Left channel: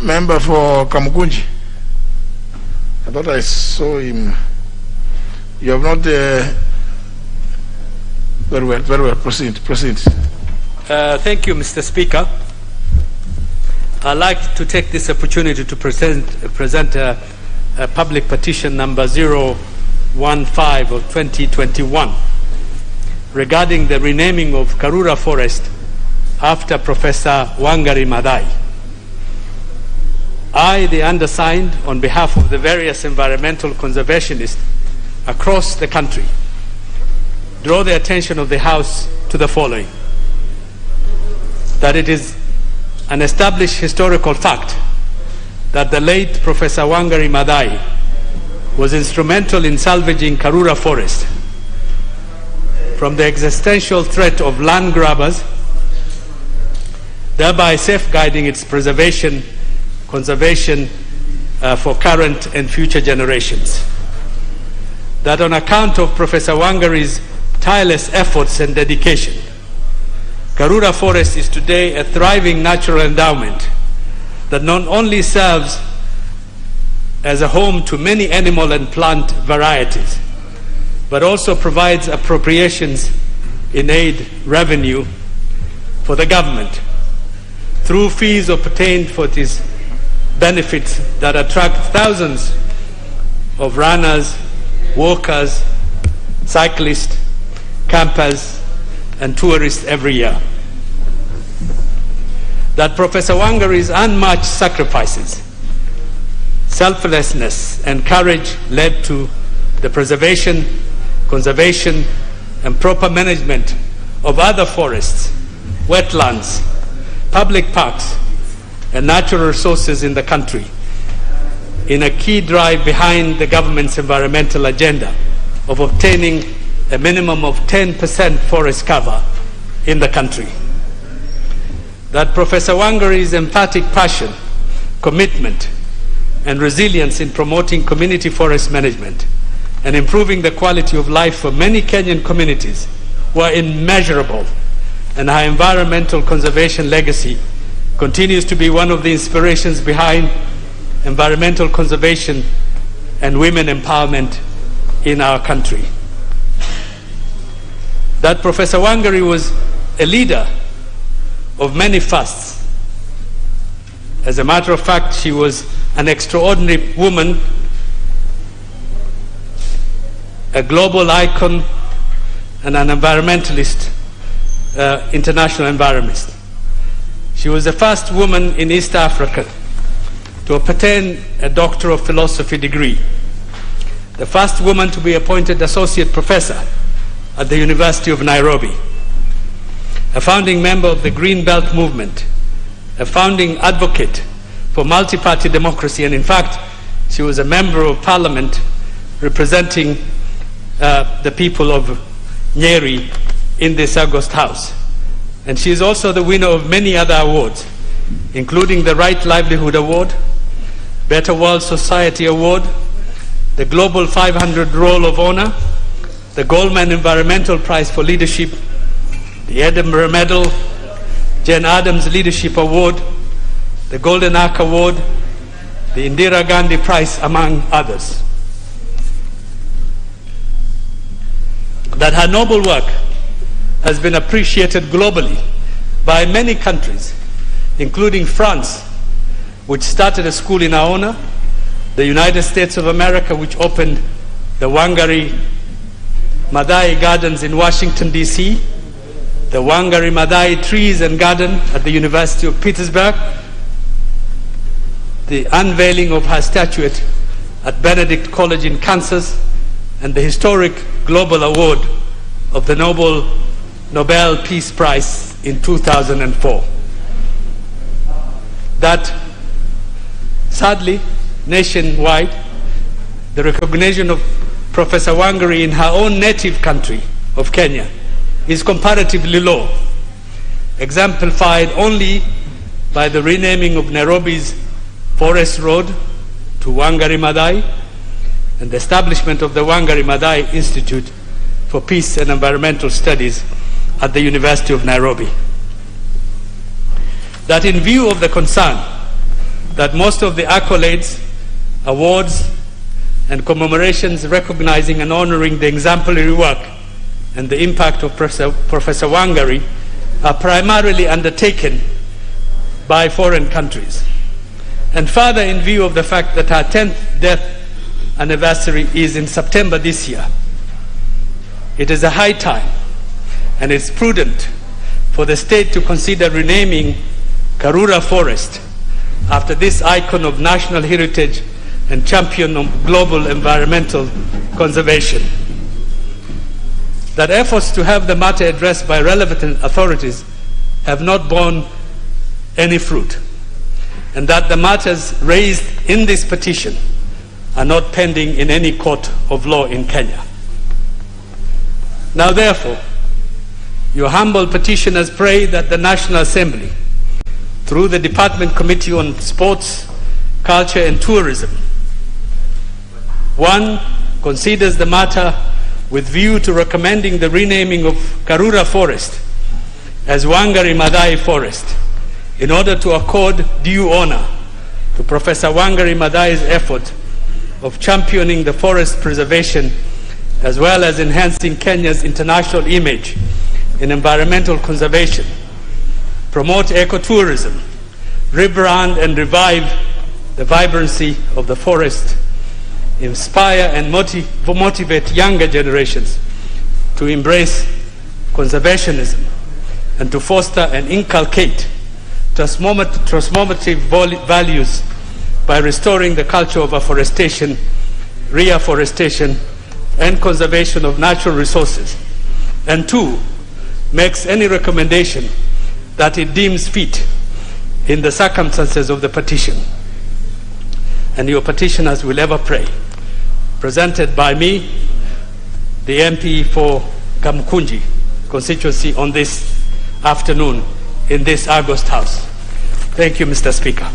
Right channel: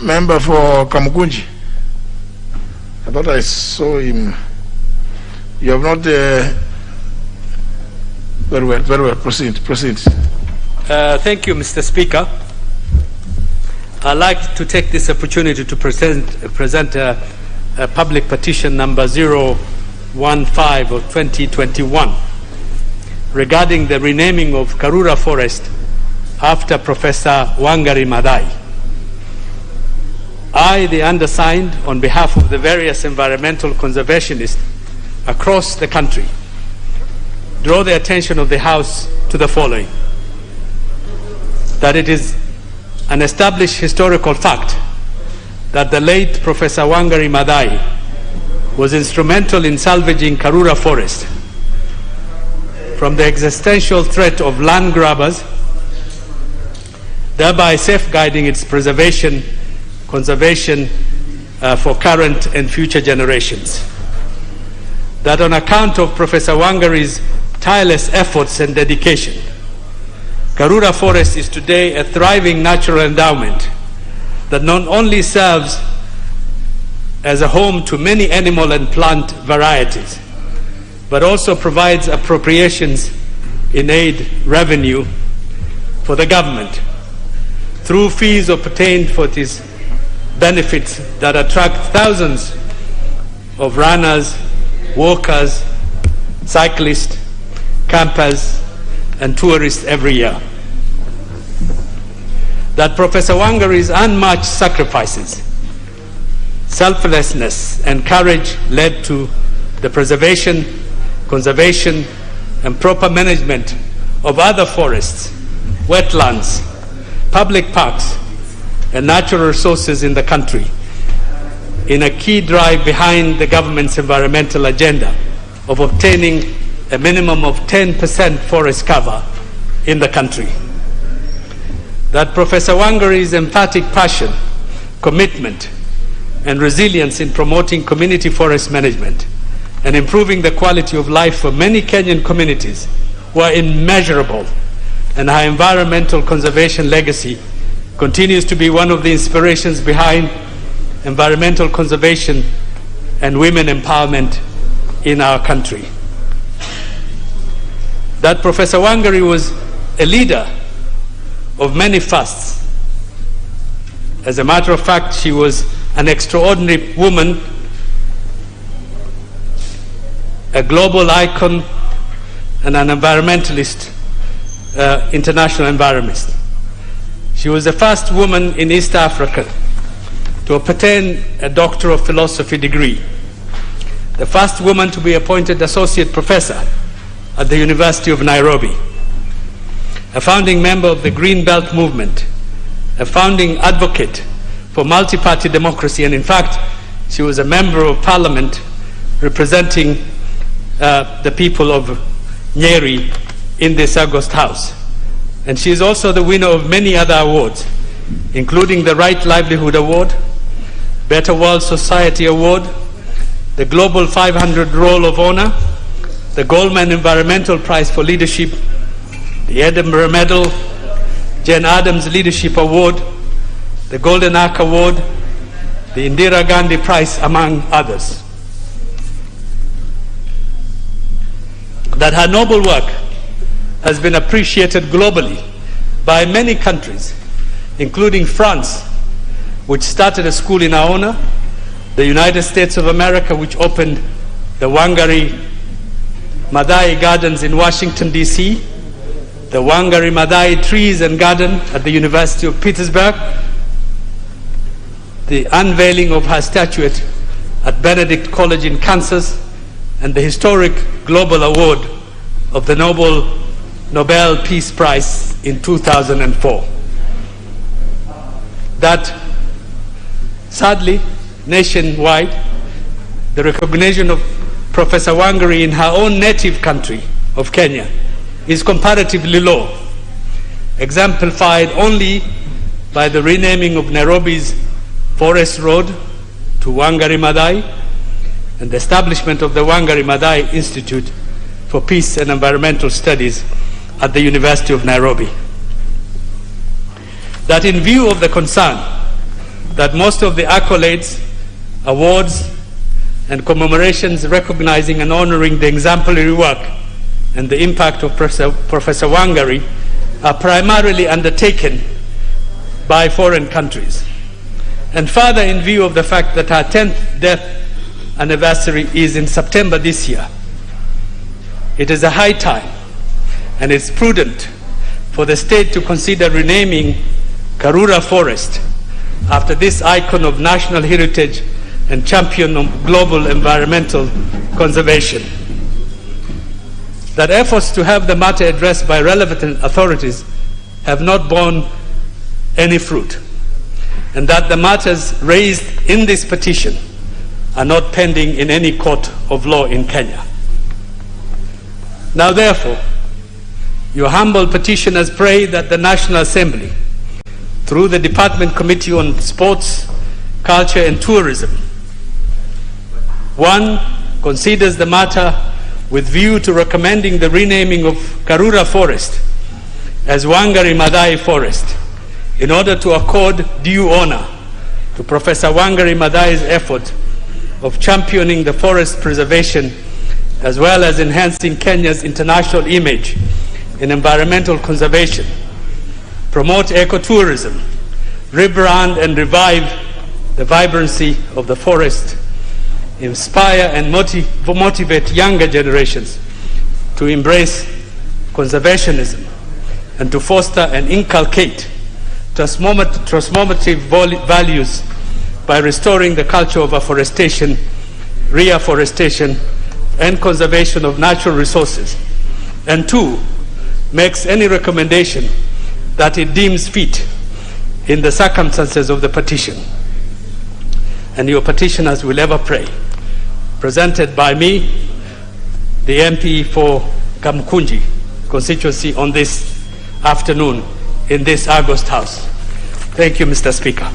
member for Kamukunji. I thought I saw him. You have not. Very well. Proceed. Thank you, Mr. Speaker. I'd like to take this opportunity to present a public petition number 015 of 2021 regarding the renaming of Karuru Forest after Professor Wangari Mathaai. I, the undersigned, on behalf of the various environmental conservationists across the country, draw the attention of the House to the following: that it is an established historical fact that the late Professor Wangari Mathaai was instrumental in salvaging Karuru Forest from the existential threat of land grabbers, thereby safeguarding its conservation for current and future generations. That on account of Professor Wangari's tireless efforts and dedication, Karuru Forest is today a thriving natural endowment that not only serves as a home to many animal and plant varieties, but also provides appropriations in aid revenue for the government through fees obtained for these benefits that attract thousands of runners, walkers, cyclists, campers, and tourists every year. That Professor Wangari's unmatched sacrifices, selflessness, and courage led to the preservation, conservation, and proper management of other forests, wetlands, public parks, and natural resources in the country, in a key drive behind the government's environmental agenda of obtaining a minimum of 10% forest cover in the country. That Professor Wangari's emphatic passion, commitment, and resilience in promoting community forest management and improving the quality of life for many Kenyan communities were immeasurable, and her environmental conservation legacy continues to be one of the inspirations behind environmental conservation and women empowerment in our country. That Professor Wangari was a leader of many fasts. As a matter of fact, she was an extraordinary woman, a global icon, and an environmentalist, international environmentalist. She was the first woman in East Africa to obtain a Doctor of Philosophy degree, the first woman to be appointed associate professor at the University of Nairobi, a founding member of the Green Belt movement, a founding advocate for multi-party democracy, and in fact, she was a member of parliament representing the people of Nyeri in this August House. And she is also the winner of many other awards, including the Right Livelihood Award, Better World Society Award, the Global 500 Roll of Honor, the Goldman Environmental Prize for Leadership, the Edinburgh Medal, Jane Addams Leadership Award, the Golden Arc Award, the Indira Gandhi Prize, among others. That her noble work has been appreciated globally by many countries, including France, which started a school in our honor, the United States of America, which opened the Wangari Mathaai Gardens in Washington, D.C., the Wangari Mathaai Trees and Garden at the University of Pittsburgh, the unveiling of her statuette at Benedict College in Kansas, and the historic global award of the Nobel Peace Prize in 2004. That, sadly, nationwide, the recognition of Professor Wangari in her own native country of Kenya is comparatively low, exemplified only by the renaming of Nairobi's Forest Road to Wangari Mathaai and the establishment of the Wangari Mathaai Institute for Peace and Environmental Studies at the University of Nairobi. That in view of the concern that most of the accolades, awards, and commemorations recognizing and honoring the exemplary work and the impact of Professor Wangari are primarily undertaken by foreign countries. And further, in view of the fact that her 10th death anniversary is in September this year, it is a high time and it's prudent for the state to consider renaming Karuru Forest after this icon of national heritage and champion of global environmental conservation. That efforts to have the matter addressed by relevant authorities have not borne any fruit, and that the matters raised in this petition are not pending in any court of law in Kenya. Now therefore, your humble petitioners pray that the National Assembly, through the Department Committee on Sports, Culture and Tourism, 1, considers the matter with view to recommending the renaming of Karuru Forest as Wangari Mathaai Forest in order to accord due honor to Professor Wangari Mathaai's effort of championing the forest preservation as well as enhancing Kenya's international image in environmental conservation, promote ecotourism, rebrand and revive the vibrancy of the forest, inspire and motivate younger generations to embrace conservationism and to foster and inculcate transformative values by restoring the culture of afforestation, reforestation, and conservation of natural resources. And 2, makes any recommendation that it deems fit in the circumstances of the petition. And your petitioners will ever pray. Presented by me, the MP for Kamukunji constituency, on this afternoon in this August House. Thank you, Mr. Speaker.